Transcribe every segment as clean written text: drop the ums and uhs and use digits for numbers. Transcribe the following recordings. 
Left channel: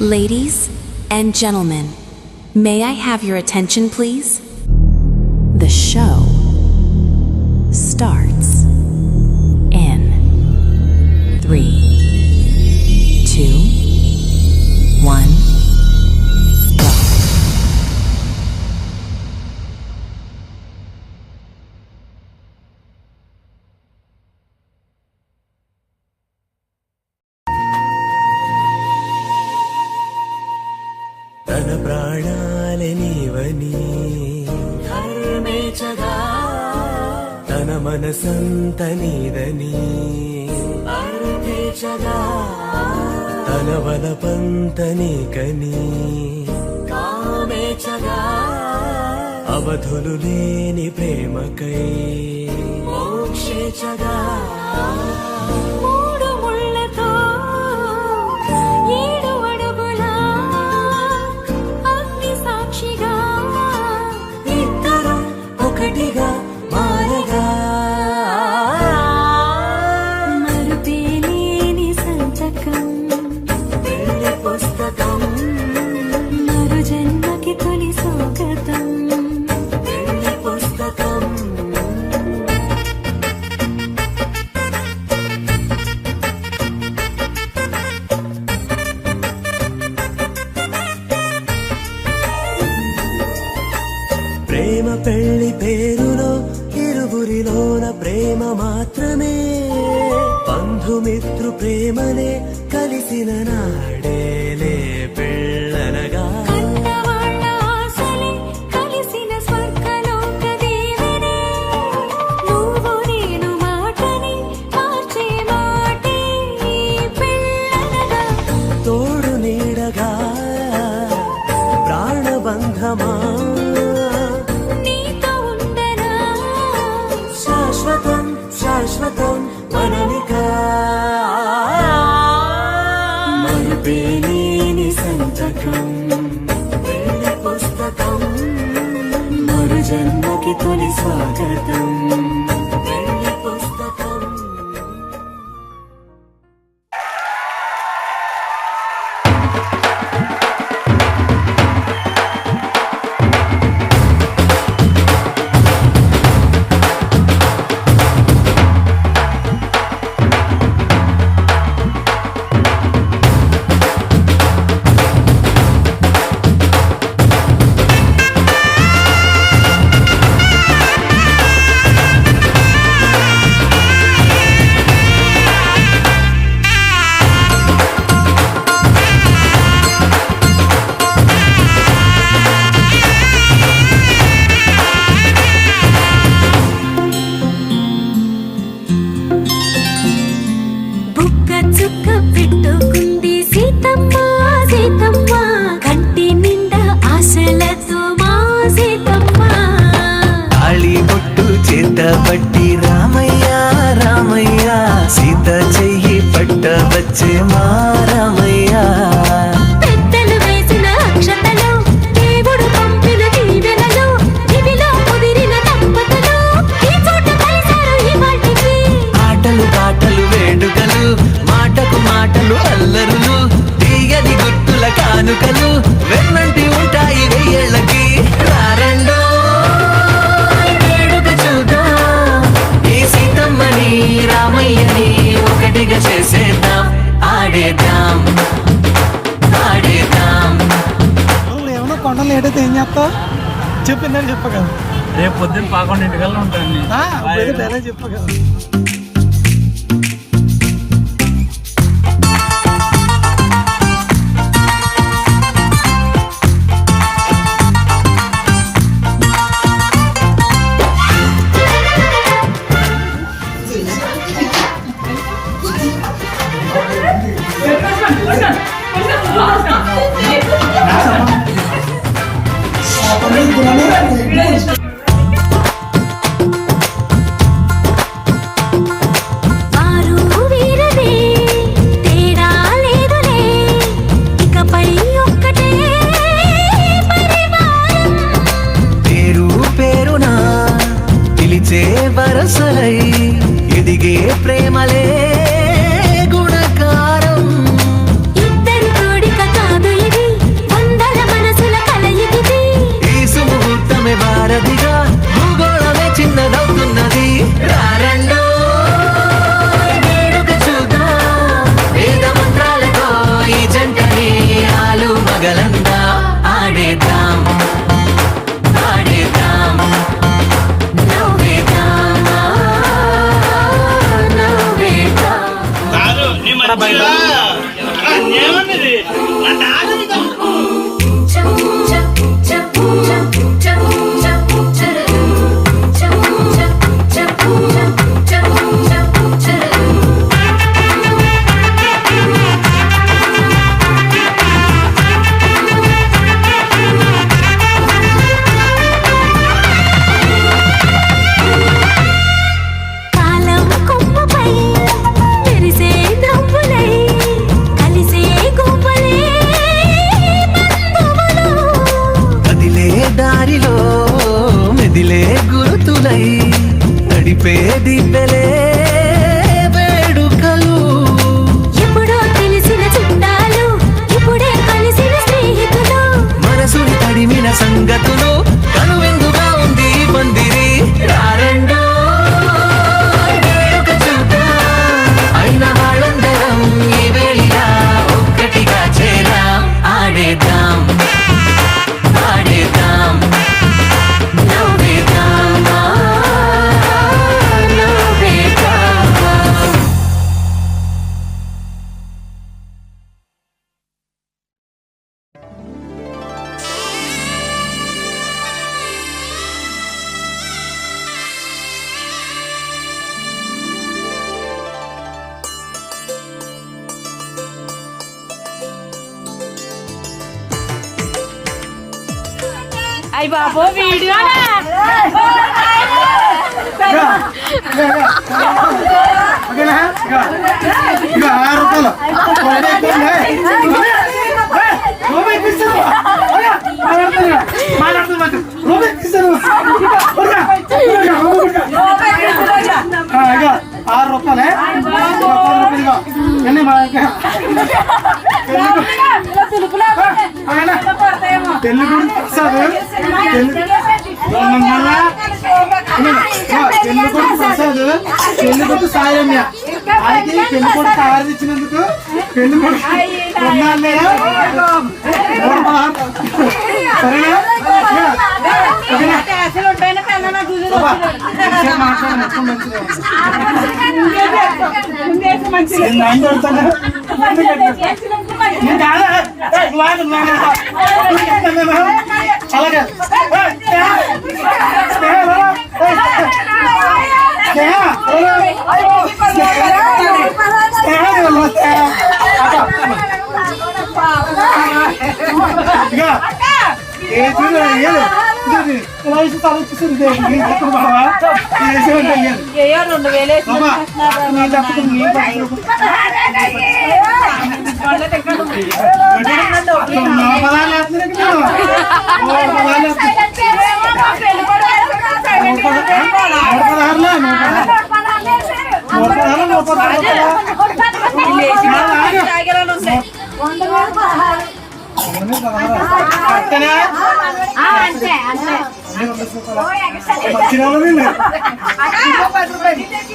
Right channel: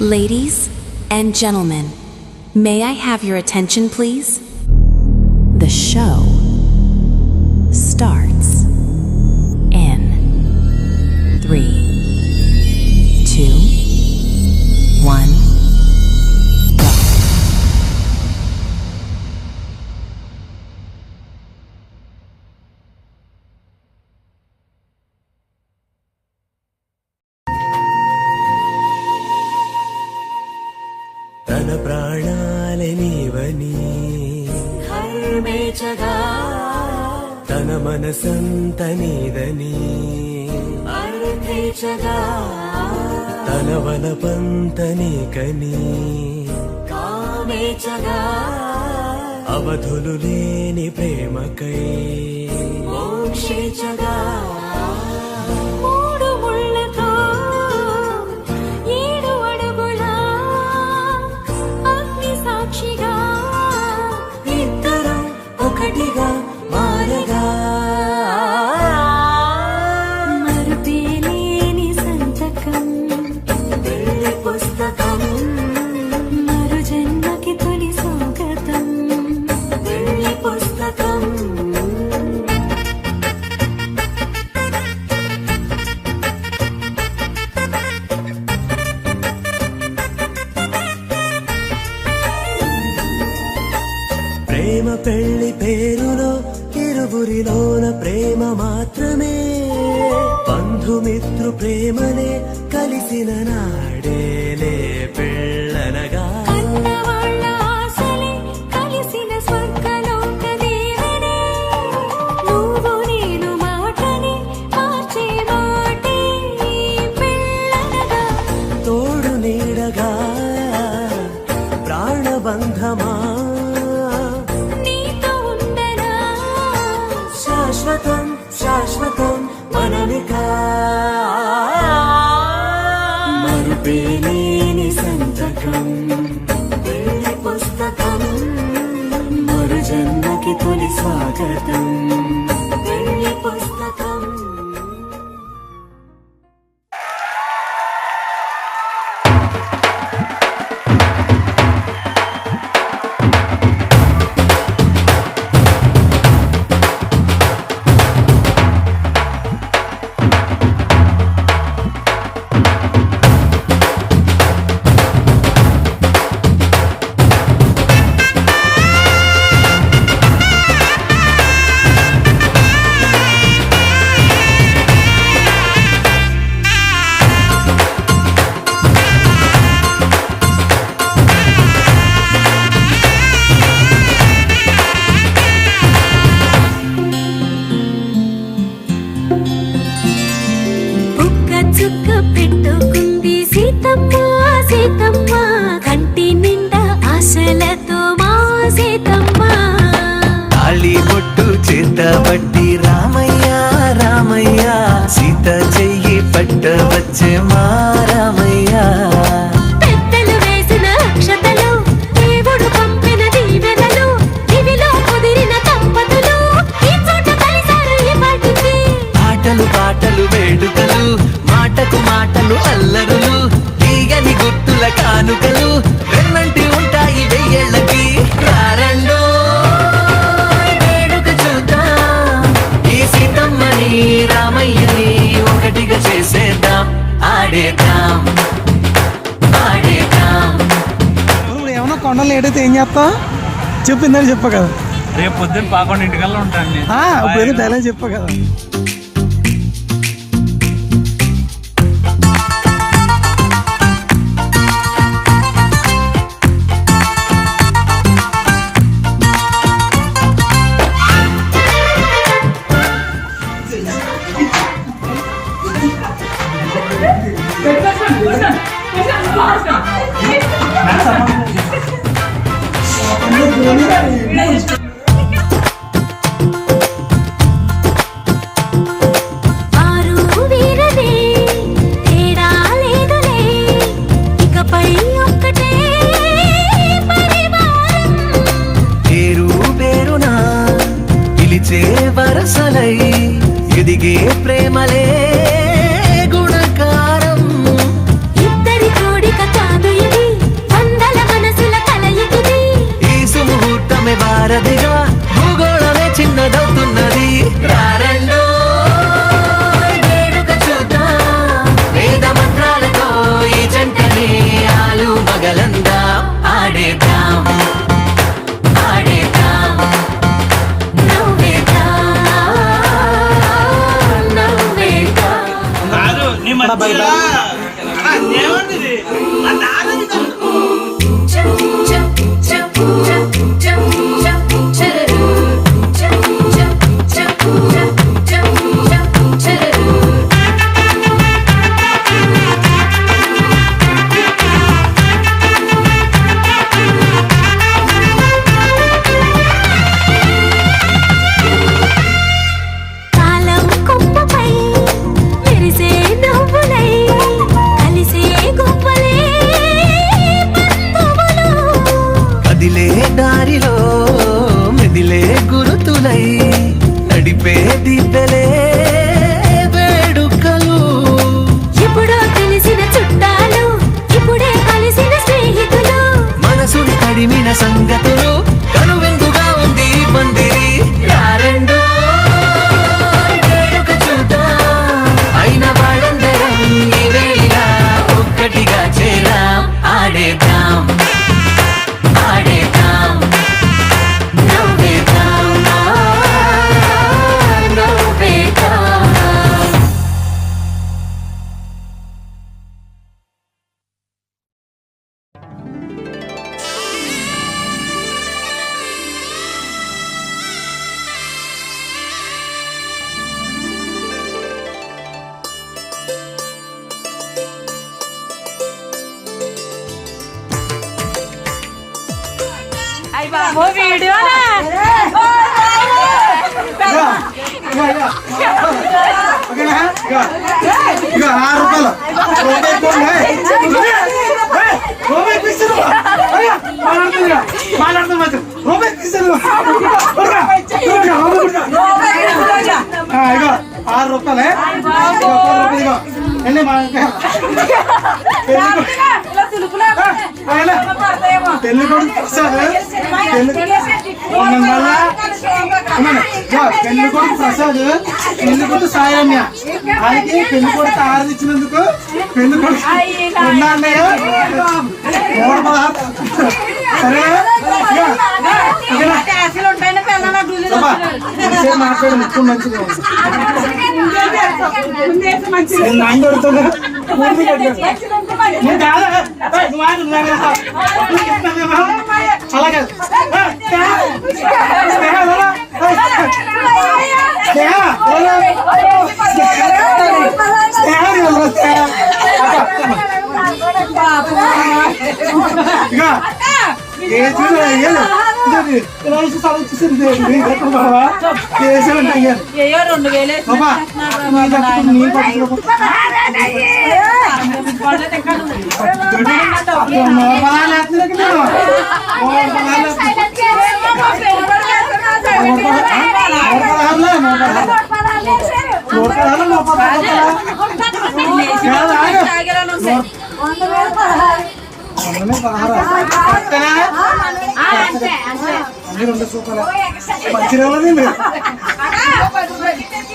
Ladies and gentlemen, may I have your attention, please? The show starts in 3, 2, 1, go. తన ప్రాణాలే నీవని హర్మేచగా తన మనసంత నీదని అర్థేచగా తన వలపంత నీకని కామేచగా అవధులు లేని ప్రేమకై మోక్షేచగా మూడు ముళ్ళతో 7 అడుగుల అగ్ని సాక్షిగా ఇద్దరం ఒకటిగా మారగా మరుపేలేని సంతకం పెళ్లి పుస్తకం మరు జన్మకి తొలి స్వాగతం పెళ్లి పుస్తకం ప్రేమ పెళ్లి పేరులో ఇరువురిలోన ప్రేమ మాత్రమే బంధుమిత్రు ప్రేమనే కలిసిన నాడేలే పెళ్ళనగా కన్నవాళ్ళ ఆశలే కలిసిన స్వర్గలోక దేవనే నువ్వు నేను మాటని మార్చే మాటే పెళ్ళనగా తోడు నీడగా ప్రాణబంధమా నీతో ఉండనా శాశ్వతం శాశ్వతం మనమికా మరుపేలేని సంతకం పెళ్లి పుస్తకం మరు జన్మకి తొలి స్వాగతం పెళ్లి పుస్తకం బుక్క చుక్క పెట్టుకుంది సీతమ్మ సీతమ్మ కంటి నిండా ఆశలతో మా సీతమ్మ తాళి బొట్టు చేత పట్టి రామయ్య రామయ్య సీత చెయ్యి పట్ట వచ్చే మా రామయ్య పెద్దలు వేసిన అక్షతలు దేవుడు పంపిన దీవెనలు ఇవిలో కుదిరిన దంపతులు ఈ చోట కలిసారు ఈ పాటికి ఆటలు పాటలు వేడుకలు మాటకు మాటలు అల్లరులు తీయని గుర్తుల కానుకలు వెన్నంటి ఉంటాయి వెయ్యేళ్ళకి రారండో వేడుక చూద్దాం ఈ సీతమ్మని రామయ్యని ఒకటిగా చేసేద్దాం ఆడేద్దాం ఆడేద్దాం నువ్వు ఏమన్నా కొండ లేట్ అయితే ఏం చేస్తావు చెప్పిందని చెప్ప కదా రేపు పొద్దున్న 11 ఉంటాను నేను. డైలాగ్ చెప్ప కదా వారు వీరనే తేడా లేదులే ఇకపై ఒక్కటే పరివారం పేరు పేరునా పిలిచే వరసలై ఎదిగే ప్రేమలే గుణకారం ఇద్దరి కోడిక కాదు కాలమే వారధిగా భూగోళమే చిన్నదవుతున్నది. రారండో వేడుక చూద్దాం, వేద మంత్రాలతో ఈ జంటని ఆలు మగలందా ఆడేద్దాం ఆడేద్దాం నవ్వేద్దాం నవ్వేద్దాం. కాదు నీ మధ్యలో ఏమన్నది నా నాన్నది తప్పు. కాలం కొమ్మపై మెరిసే నవ్వులై కలిసే గువ్వలే బంధువులు. కదిలే దారిలో మెదిలే గురుతులై నడిపే దిబ్బెలే వేడుకలు. ఎప్పుడో తెలిసిన చుట్టాలు ఇప్పుడే కలిసిన స్నేహితులు. మనసుని తడిమిన సంగతులు కనువిందుగా ఉంది ఈ పందిరి. రారండో వేడుక చూద్దాం, అయిన వాళ్ళందరం ఈ వేళ ఒక్కటిగా చేరాం ఆడేద్దాం ఆడేద్దాం నవ్వేద్దాం నవ్వేద్దాం. ఓకేనా? ఇక 6 రూపాయలు. రూపాయి ఇప్పిస్తాను. మాట్లాడుతున్నాను రూపాయి ఇప్పిస్తాను. ఇగో 6 రూపాయలే. ఇగో ఎన్ని మా పెళ్లి కొడుకు ప్రసాద్ పెళ్లి కొడుకు ప్రసాద్ పెళ్లి కొడుకు సాయమ్య ఆయనకి పెళ్లి కొడుకు ఆరు ఇచ్చినందుకు పెళ్లి కొడుకు ఉన్నాన్నయ్య 116. సరేనా? మాట్లాడు మొత్తం మంచిగా అలాగే మంచిగా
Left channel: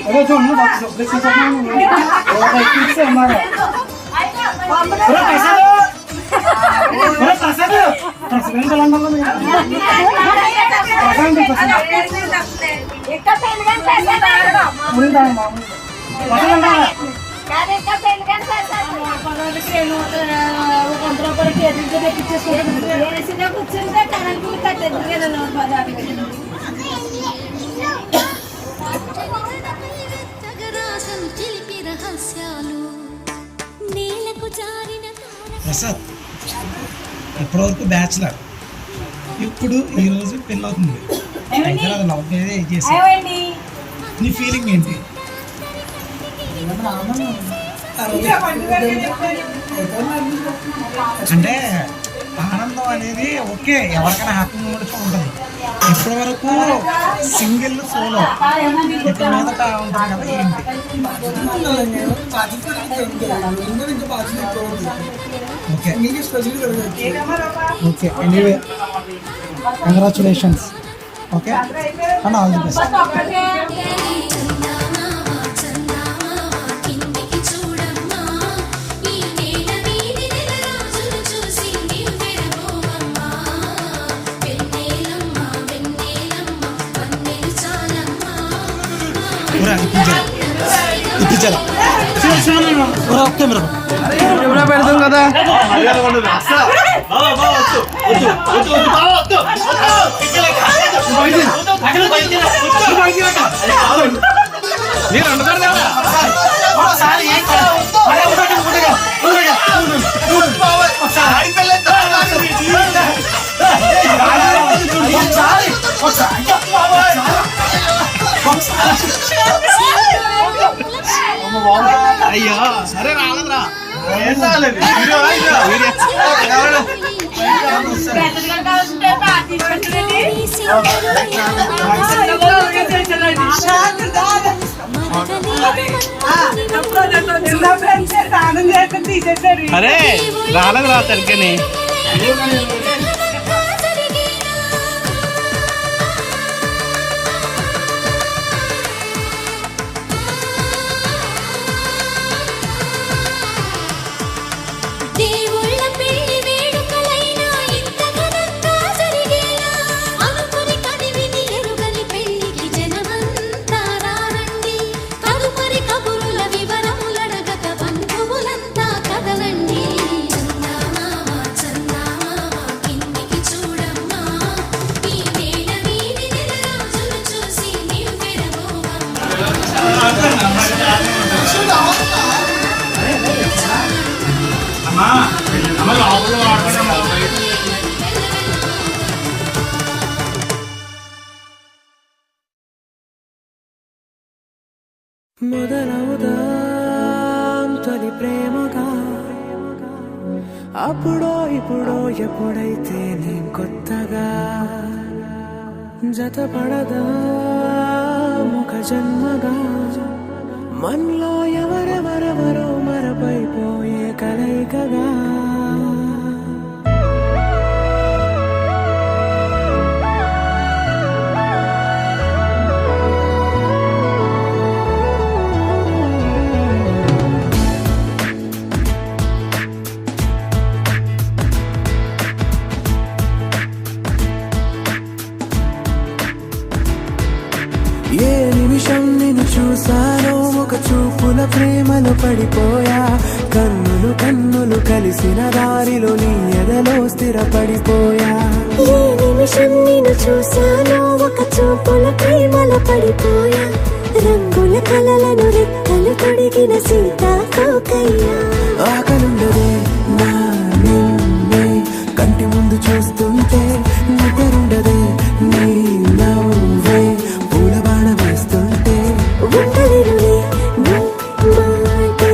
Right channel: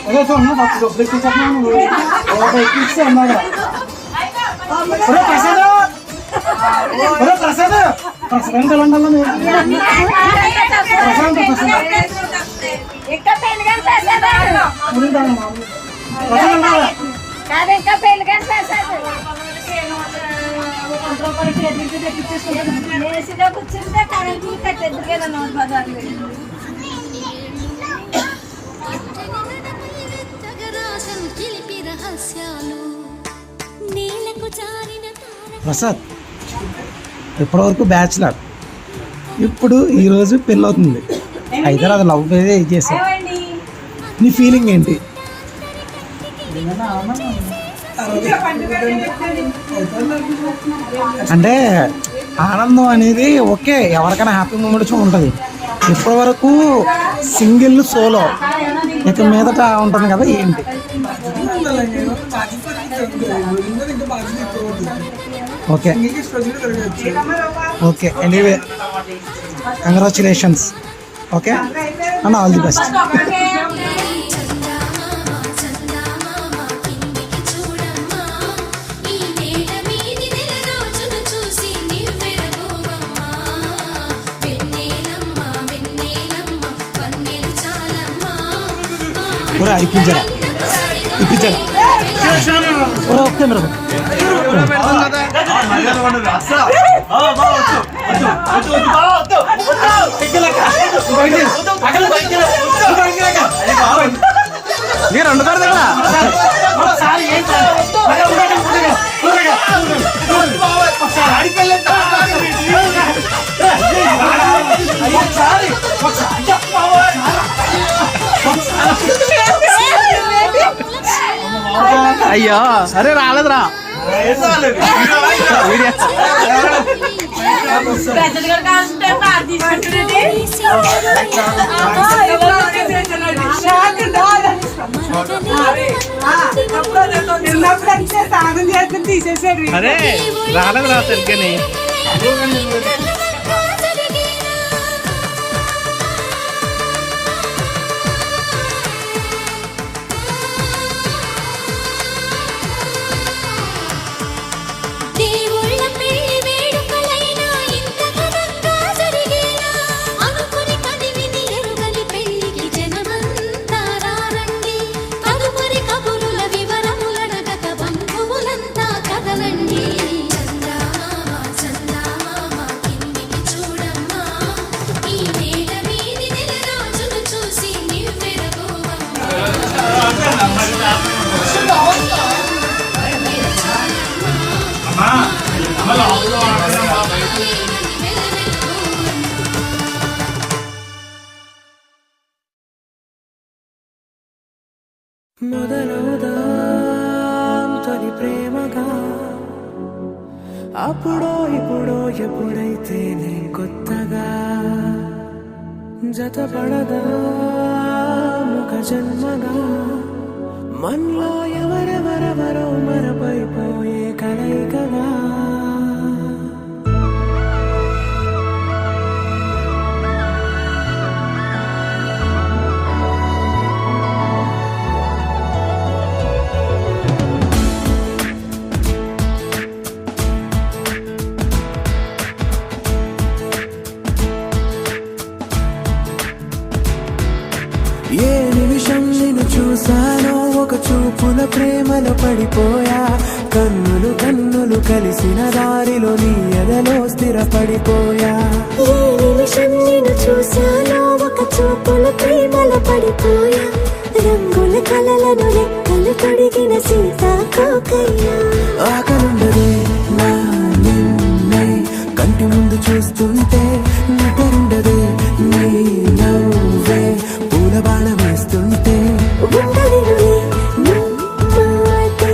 అదే చూడండి అన్నాడు ప్రసాద్ ప్రసాద్ తెలంగాణలో ప్రసాద్ ఇప్పటివరకు బ్యాచులర్, ఇప్పుడు ఈరోజు పెళ్ళి అవుతుంది. అయితే అది లవ్ చేసా. నీ ఫీలింగ్ ఏంటి? అంటే ఆనందం అనేది ఓకే, ఎవరికైనా హ్యాపీ మూమెంట్స్ ఉంటుంది. ఇప్పటి వరకు సింగిల్ సోలో, ఇక మీదట ఉంటుంది కదా ఏంటి? Okay okay anyway congratulations. Okay and all the best. ఇప్పించారా ఓకే మీరు అయ్యా సరే రాలేదురా అరే రాలేదురా సరిగ్గాని. దేవుళ్ళ పెళ్లి వేడుకలైనా ఇంత ఘనంగా జరిగేలా అనుకుని కదివిని ఎరుగని పెళ్లికి జనమంతా రారండి. తదుపరి కబురుల వివరములడగక బంధువులంతా కదలండి. మొదలవుదాం తొలి ప్రేమగా, అప్పుడో ఇప్పుడో ఎప్పుడైతే నేను కొత్తగా జతపడదా ఒక జన్మగా, మనలో ఎవరెవరెవరో మరపైపోయే కలయికగా. ఏ నిమిషం నిన్ను చూసానో ఒక చూపుల ప్రేమలో పడిపోయా. కన్నులు కన్నులు కలిసిన దారిలో నీ ఎదలో స్థిరపడిపోయా. ఏ నిమిషం నిన్ను చూసానో ఒక చూపుల ప్రేమలో పడిపోయా. రంగుల కలలను రెక్కలు తొడిగిన సీతాకోకయ్యా. ఆకలుండదే నా నిన్నే కంటి ముందు చూస్తుంటే, నిద్రుండదే నీ నవ్వే పూల బాణ వేస్తుంటే. ఉండలేనులే నీ మాటే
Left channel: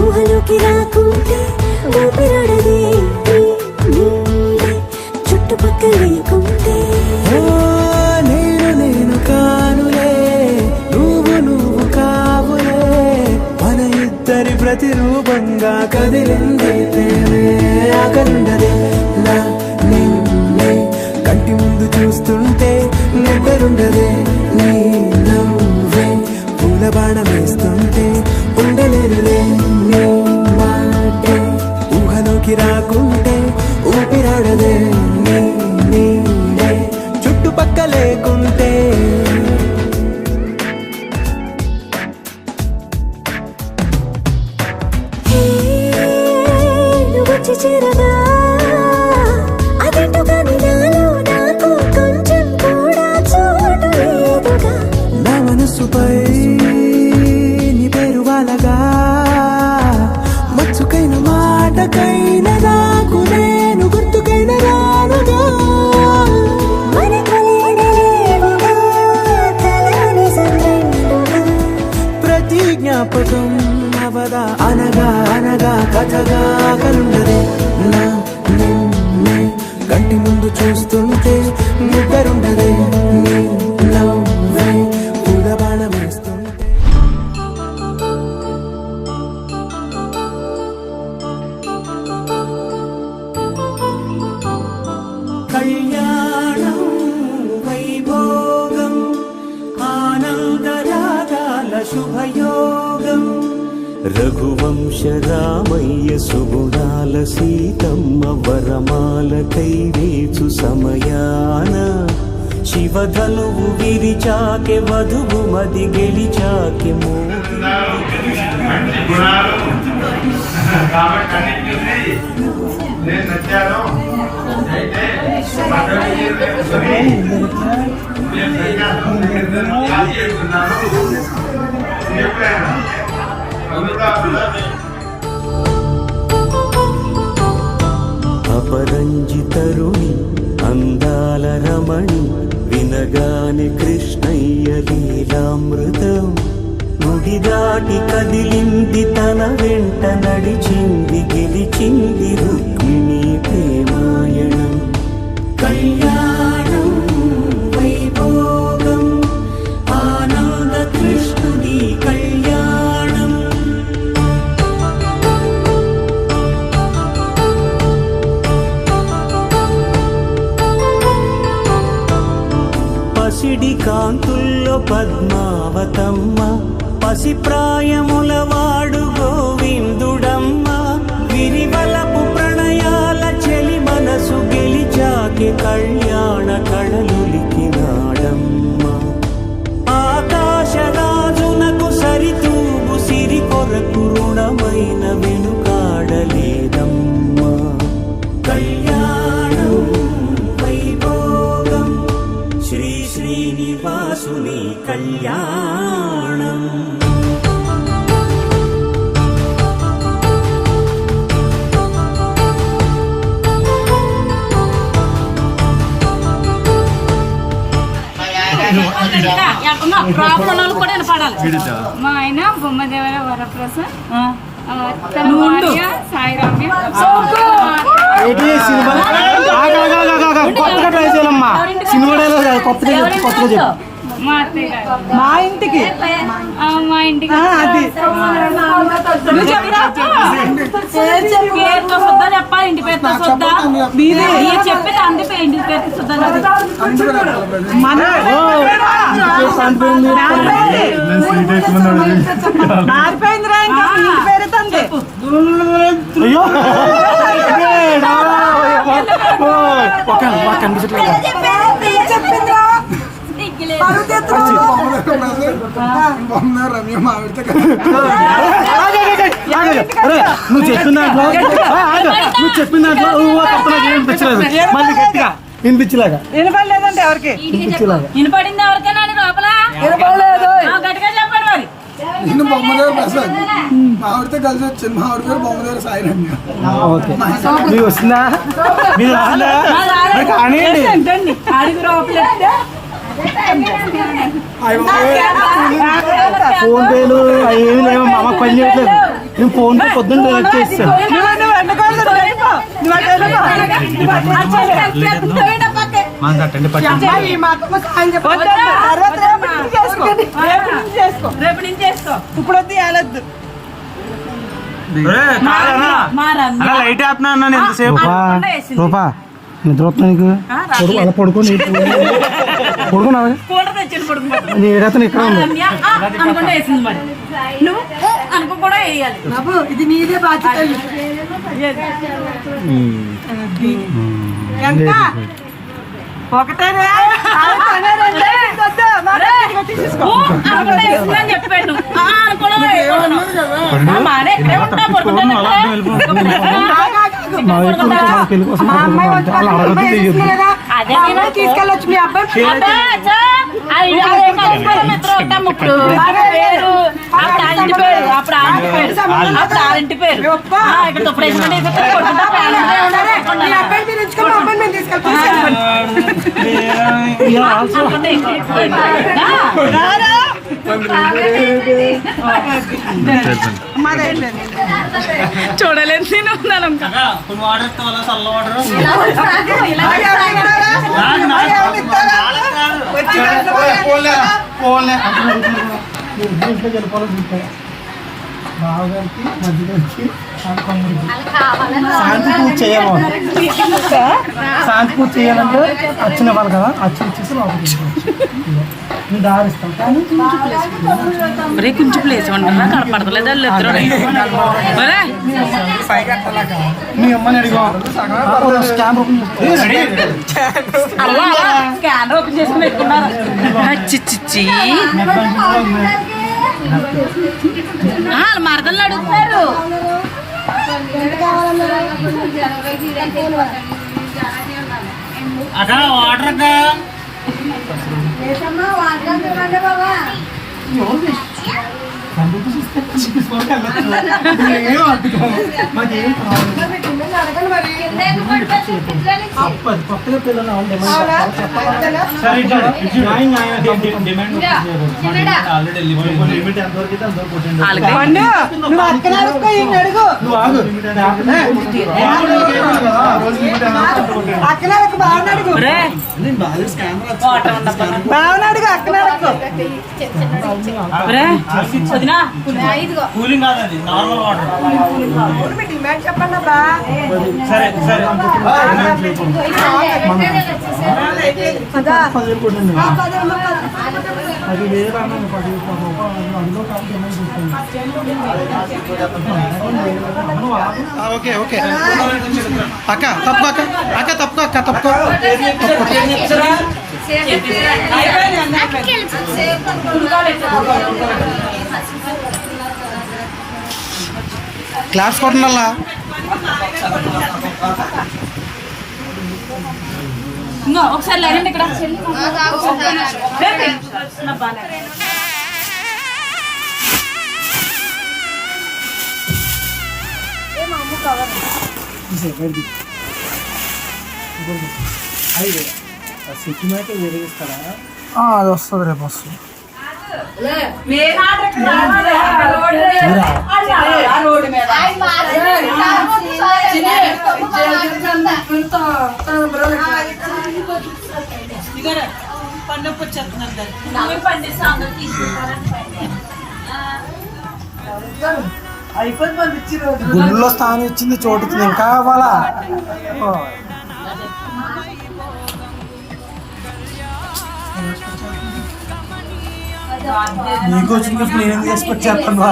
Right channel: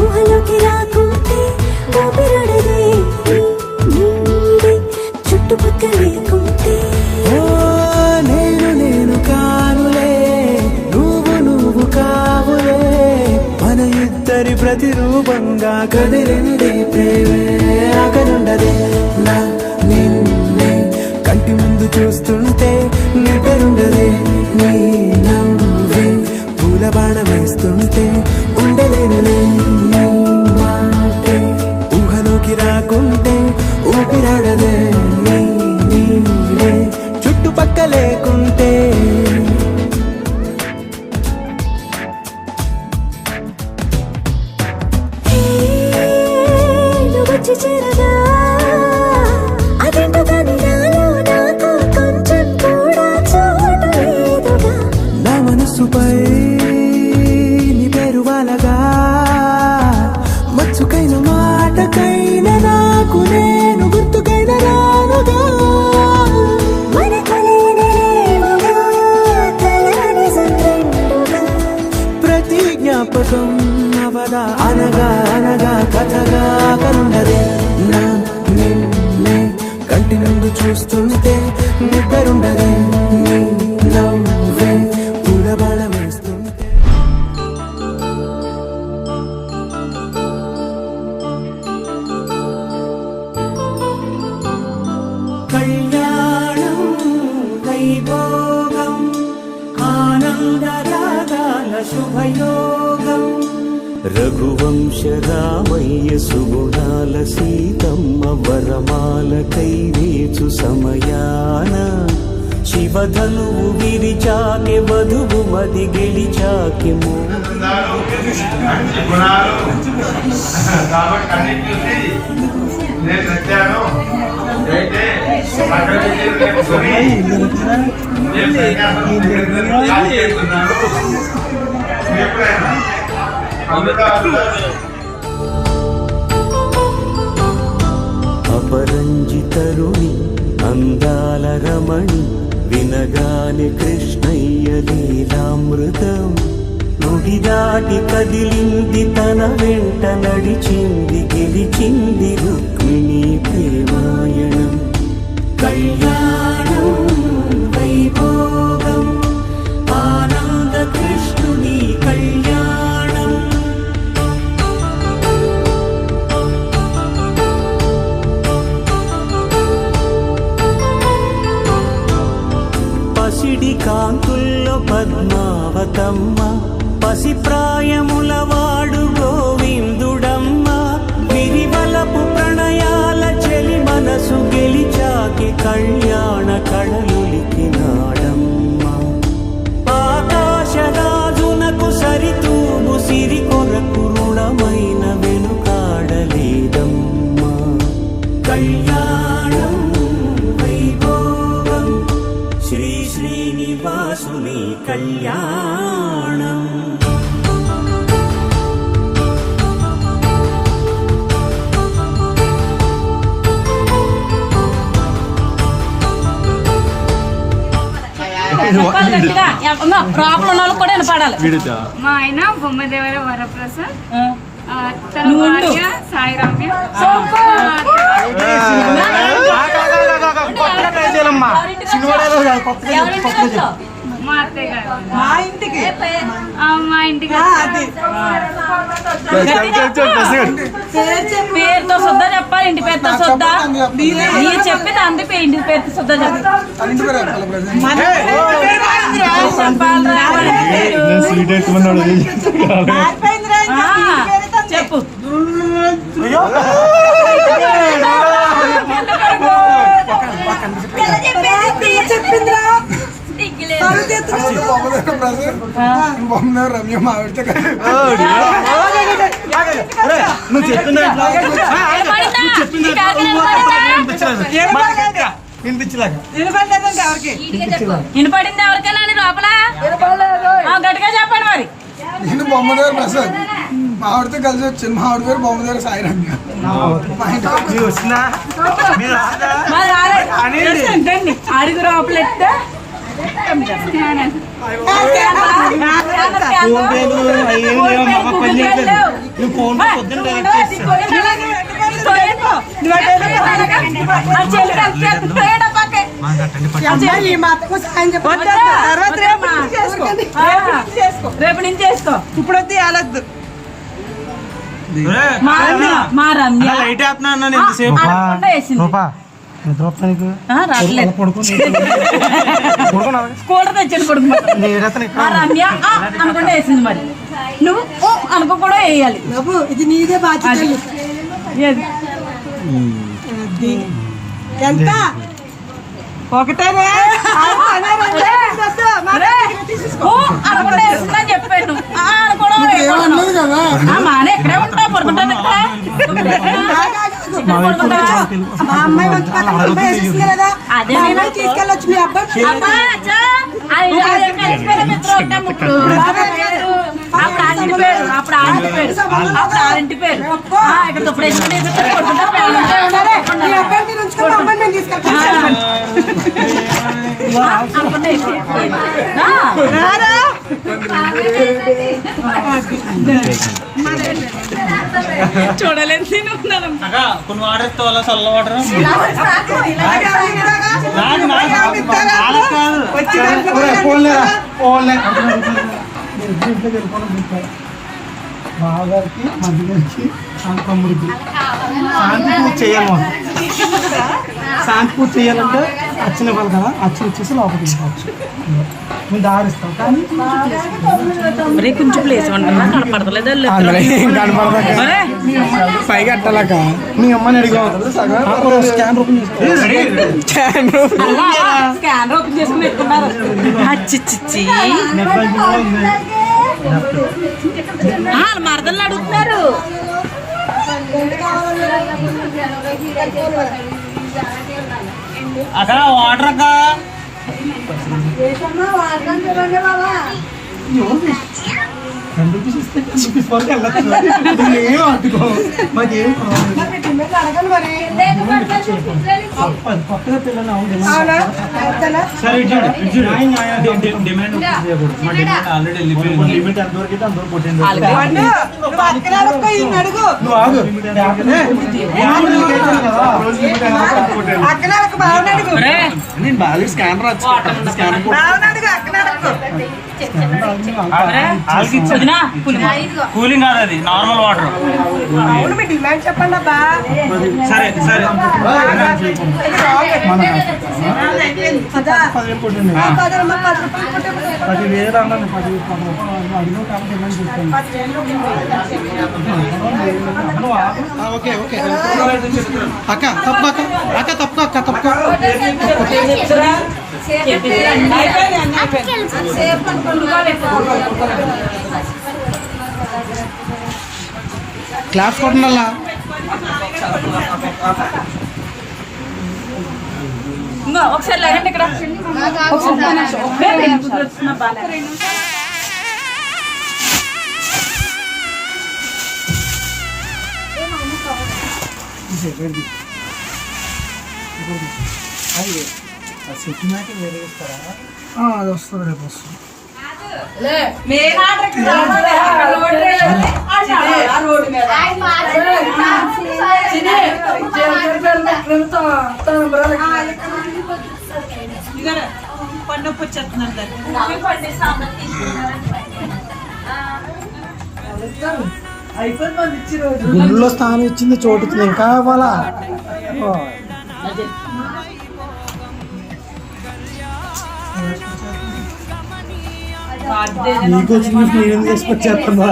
ఊహలోకి రాకుంటే, ఊపిరాడదే నీ నీడే చుట్టుపక్కల లేకుంటే. ఓ నేను కానులే, నువ్వు కావులే, మన ఇద్దరి ప్రతిరూపంగా కదిలింది ప్రేమే. ఆకలుండదే నా నిన్నే కంటి ముందు చూస్తుంటే, నిద్రుండదే నీ నవ్వే పూల బాణ వేస్తుంటే. ఉండలేనులే నీ మాటే ఊహలోకి రాకుంటే, ఊపిరాడదే నీ నీడే చుట్టుపక్క లేకుంటే. వచ్చి చేరగా అదేంటో కానీ నాలో నాకు కొంచెం కూడా చోటు లేదుగా. నా మనసుపై నీ పేరు వాలగా, మచ్చుకైన మాటకైన నాకు నేను గుర్తుకైన రానుగా. ప్రతి జ్ఞాపకం అవదా అనగా అనగా కథగా. కలుండదే నా నిన్నే కంటి ముందు చూస్తుంటే, నిద్రుండదే నీ నవ్వే పూల బాణ వేస్తుంటే. వైభోగం ఆనందరాగాల శుభయోగం రఘువంశ రామయ్య సుగుణాల సీతమ్మ వరమాల కైవేచు సమయాన శివధనువు విరిచాకె వధువు మది గెలిచాకె మోగి అపరంజితరుణి అందాల రమణి వినగానే కృష్ణయ్య లీలామృతం గుడి దాటి కదిలింది తన వెంట నడిచింది గెలిచింది రుక్మిణి ప్రేమాయణం కళ్యాణం వైభోగం ఆనంద కృష్ణుని కళ్యాణం పసిడి కాంతుల్లో పద్మావతమ్మ పసిప్రాయముల వాడు గోవిందుడమ్మ విరివలపు ప్రణయాల చెలి మనసు గెలిచాకె కళ్యాణ కళలులికినాడమ్మ ఆకాశరాజునకు సరితూగు సిరి కొరకు రుణమైన వెనుకాడలేదమ్మా కళ్యాణం వైభోగం శ్రీ శ్రీనివాసుని కళ్యాణం ప్రాబ్లం కూడా పాడాలి. మా ఆయన బొమ్మదేవర వరప్రసాద్, తన భార్య సాయి రమ్య. మా అత్తయ్య గారు మా ఇంటికి మా ఇంటికి పేరుతో శుద్ధ చెప్పాలి. ఇంటి పేరుతో శుద్ధ మీరు చెప్పేది అంది ఇంటి పేరుతో శుద్ధ చెప్పు. చెప్పిందిరా రమ్య మావిడితే వినిపించలేక వినపడలేదంటే ఎవరికి వినపడింది ఎవరికైనా లోపల గట్టిగా చెప్పండి మరి. నేను బొమ్మదేవర ప్రసాద్ మావిడితో కలిసి వచ్చింది. మావిడి పేరు బొమ్మదేవర సాయి రమ్య. అడుగు లోపల ఫోన్ పేలు ఏమి లేవు మామ పని చేయట్లేదు. నేను ఫోన్ పే పొద్దున్న రేపు నుంచి చేసుకో. ఇప్పుడు వద్దు వెళ్ళొద్దు. మా రమ్య లైట్ వేస్తున్నాను ఎంతసేపు పడుకోని స్కూటర్ తెచ్చాడు కొడుకు మా రమ్య అనుకుంటా వేసింది. మరి నువ్వు అనుకో కూడా వేయాలి. బాబు ఇది నీదే బాధ్యత. ఎంత ఒకటేనే చెప్పాడు. మా అమ్మాయి అదే తీసుకెళ్ళొచ్చు. మీ అబ్బాయి అప్పుడు ఆంటి పేరు అప్పుడు ఆంటి పేరు అప్పుడు ఆంటి పేరు ఇక్కడ చూడలేదు నేను ఉన్నాను. కొన్ని వాటర్ ఇస్తే వాళ్ళ చల్ల వాటర్ రామగారికి మధ్యగారికి తమ్ముడికి శాంతి పూజ చేయాలి మనం. శాంతి పూజ చేయాలంటే అచ్చిన వాళ్ళు కదా అచ్చి ఇచ్చేసి లోపలికి వెళ్ళిపోవచ్చు. నేను దారిస్తాను కానీ కొంచెం ప్లేస్ ఉండాలా కనపడతలేదు వాళ్ళు ఇద్దరు మీ అమ్మని అడిగా స్కాన్ ఓపెన్ చేసుకో. స్కానర్ ఓపెన్ చేసుకుని పెట్టుకున్నారు. అచ్చిచ్చి నెట్ బ్యాంకింగ్ కూడా ఉంది. వాళ్ళ మరదలు అడుగుతున్నారు. అక్కడ వాటర్ అక్క ఏం అడ్డుకో మాకేం కొత్తగా పిల్లలు సరే డిమాండ్ ఆల్రెడీ లిమిట్ ఎంతవరకు అయితే అంతవరకు కొట్టండి. కూలింగ్ కాదు అది నార్మల్ వాటర్. చెప్పండి అబ్బా. సరే సరే 10,000 కొట్టండి. 10,000 అన్నాను. 10,000 అదిలో కాదు డిమాండ్ చేస్తాను. ఓకే ఓకే అక్క తప్పుకో అక్క తప్పుకో అక్క తప్పుకో క్లాస్ కొట్టనల్లా ఒకసారి లేదండి ఇక్కడ సిటీ మ్యాట్ వేరే ఇస్తారా? అది వస్తుంది రేపు వస్తుంది. గుళ్ళో స్థానం ఇచ్చింది చోటు ఇంకా కావాలా? నీకు వచ్చింది నేనేం చేసుకొచ్చేస్తాను.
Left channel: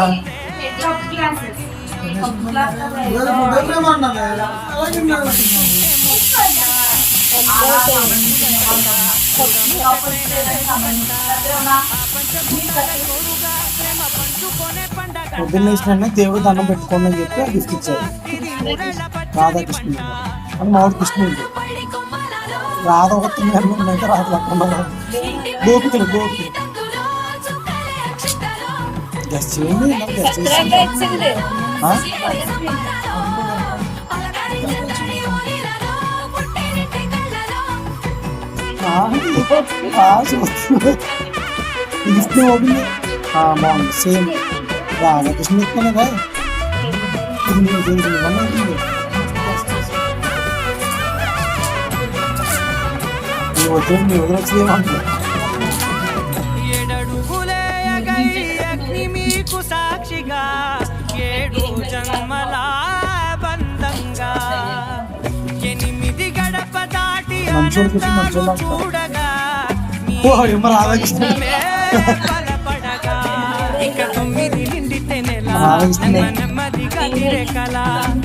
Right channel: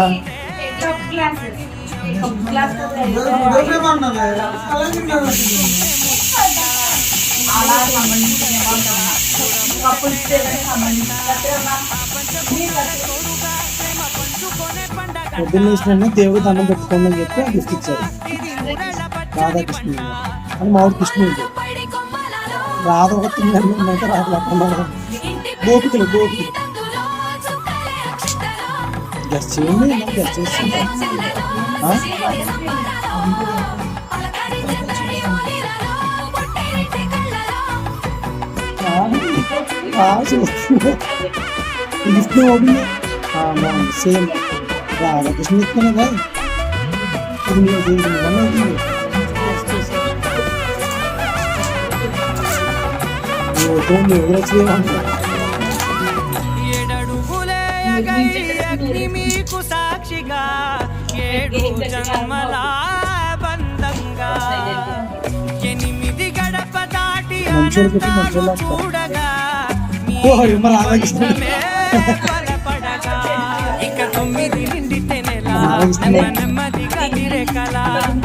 పొద్దున్న వేసిన దేవుడు దండం పెట్టుకోండి అని చెప్పి గిఫ్ట్ ఇచ్చారు. రాధాకృష్ణ అని మామిడి కృష్ణుడు. రాధ ఒక తింటే రాధలేకుండా గోపికలు గెస్ట్ చేయండి. గెస్ట్ చేసి విష్ణు ఓపెన్ బాగుంది. సేమ్ రాధాకృష్ణ ఇస్తాను కదా. మీకు సాక్షిగా 7 జన్మల బంధంగా 8 గడప దాటి చూడగా బలపడగా ఇక 9 నిండితే నెల నెమ్మదిగా తిరకల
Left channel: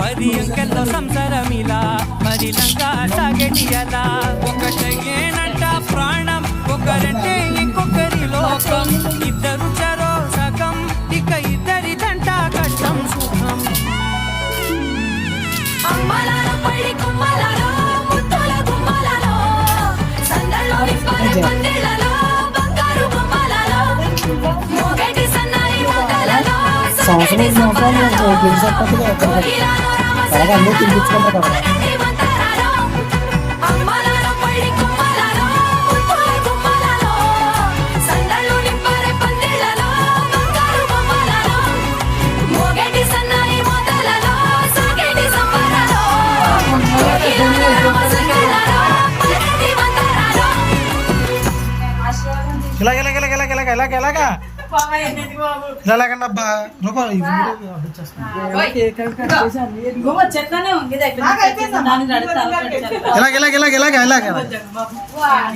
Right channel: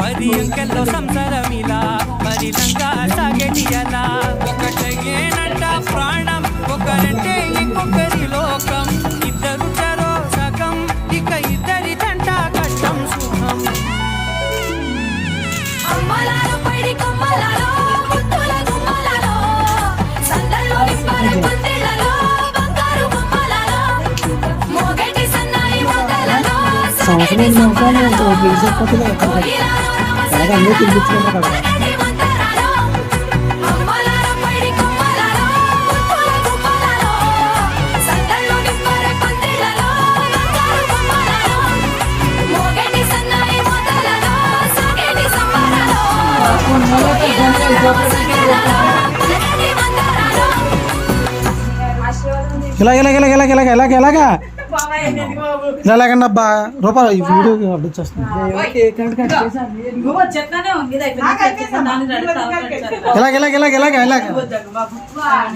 10 అంకెల్లో సంసారమిలా పరిలంగా సాగటియలా ఒకటేనంట ప్రాణం ఒకరంటే ఇంకొకరి లోకం ఇద్దరు చరో సగం ఇక ఇద్దరిదంట కష్టం సుఖం సంవత్సరం అందరూ తినిపించుకుంటారు కదా. ఇలాగా బాగా ఎన్నెందుకు బాబు ఎలాగండి అబ్బా రూపాయలు ఈ వీడియో అప్డేట్ చేస్తున్నాను ఇగో చెట్లనే ఉంది ఇది అయిపోయింది దాన్ని నడుస్తా ఇలాగ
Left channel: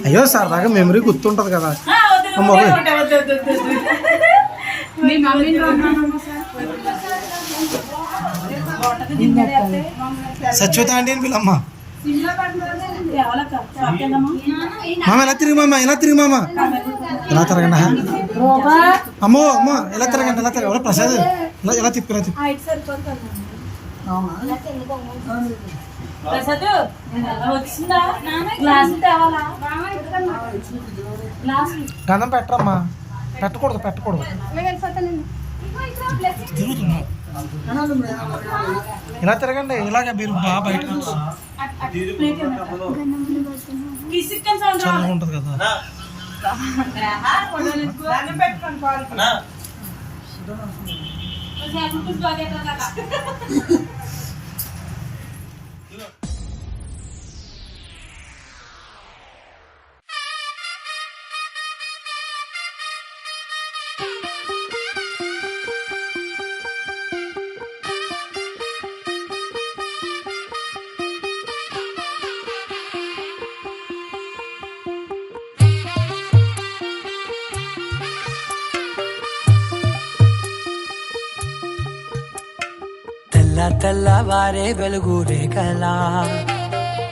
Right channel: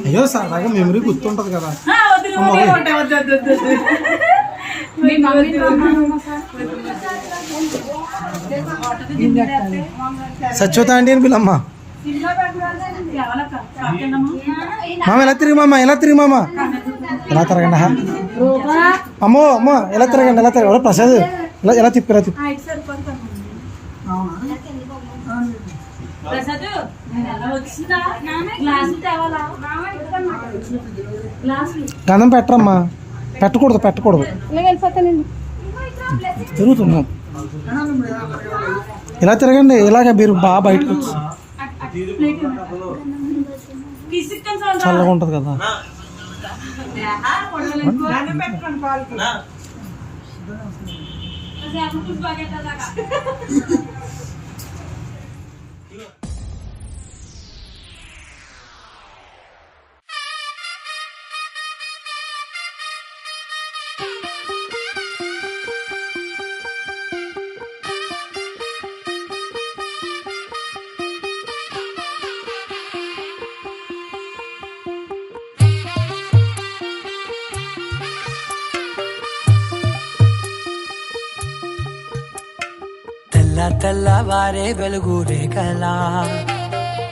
అయ్యో సరదాగా మెమరీ గుర్తుంటది కదా అమ్మ పోయి. మీ మమ్మీని రమ్మన్నమ్మా సార్ సత్యవత ఆంటీ అని పిల్లమ్మ మామ ఎలా తిరిగి మామ ఎలా తిరగండి అమ్మో అమ్మ ఎలా తిరగండి ఎవరో ప్రసాద్ ఎలా తిప్పి ప్రసాద్ వచ్చిందా గ్లాస్ తేవాలా గ్లాస్ గంధం పెట్టరమ్మా పెట్టకూడదు తిరుగుతున్నాం ఇలా తిరగండి ఇలాగ మీరు బాగా బయటకు వచ్చి చల్లగా ఉంటుంది కదా తెల్లవారే వెలుగు రేఖలా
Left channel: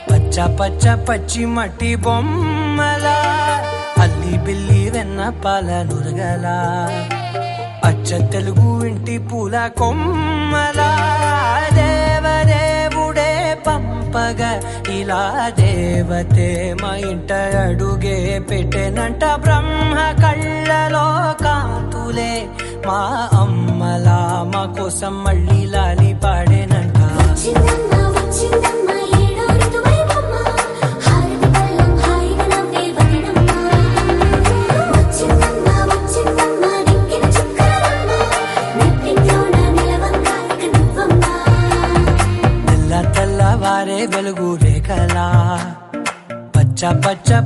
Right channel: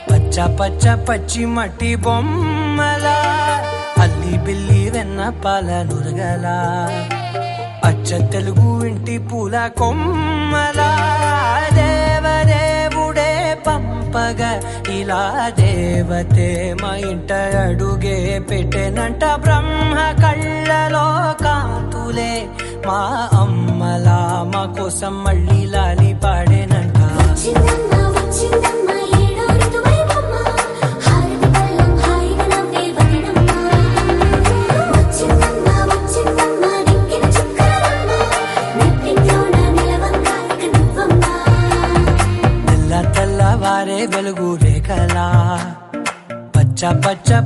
పచ్చ పచ్చి మట్టి బొమ్మలా అల్లి బిల్లి వెన్న పాల నురగలా అచ్చ తెలుగు ఇంటి పూల కొమ్మలా దేవదేవుడే పంపగా ఇలా దేవతే మా ఇంట అడుగే పెట్టెనంట బ్రహ్మ కళ్ళలో కాంతులే మా అమ్మలా మా కోసం మళ్ళీ లాలి పాడేనంట తెల్లవారే వెలుగు రేఖలా పచ్చ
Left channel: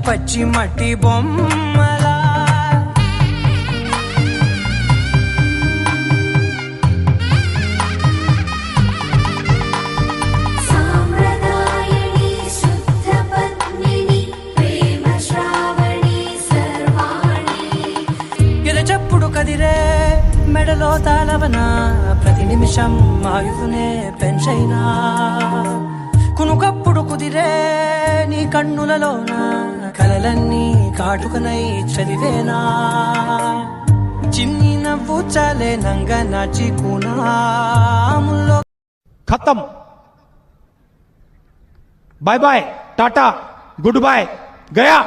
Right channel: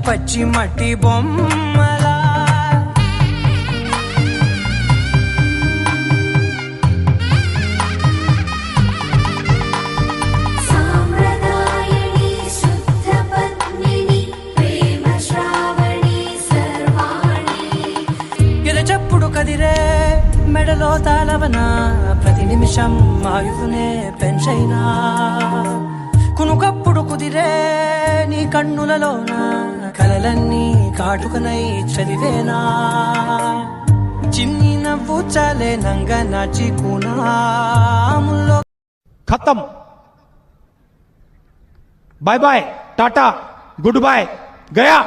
పచ్చి మట్టి బొమ్మలా ఎరచప్పుడు కదిరే మెడలో తాళవన ప్రతి నిమిషం ఆయువునే పెంచైనా కునుకప్పుడు కుదిరే నీ కన్నులలోన కలలన్నీ కాటుకనై చదివేనా చిన్ని నవ్వు చాలే నంగ నాచి కునాముల్లో खत्म bye bye tata good bye गया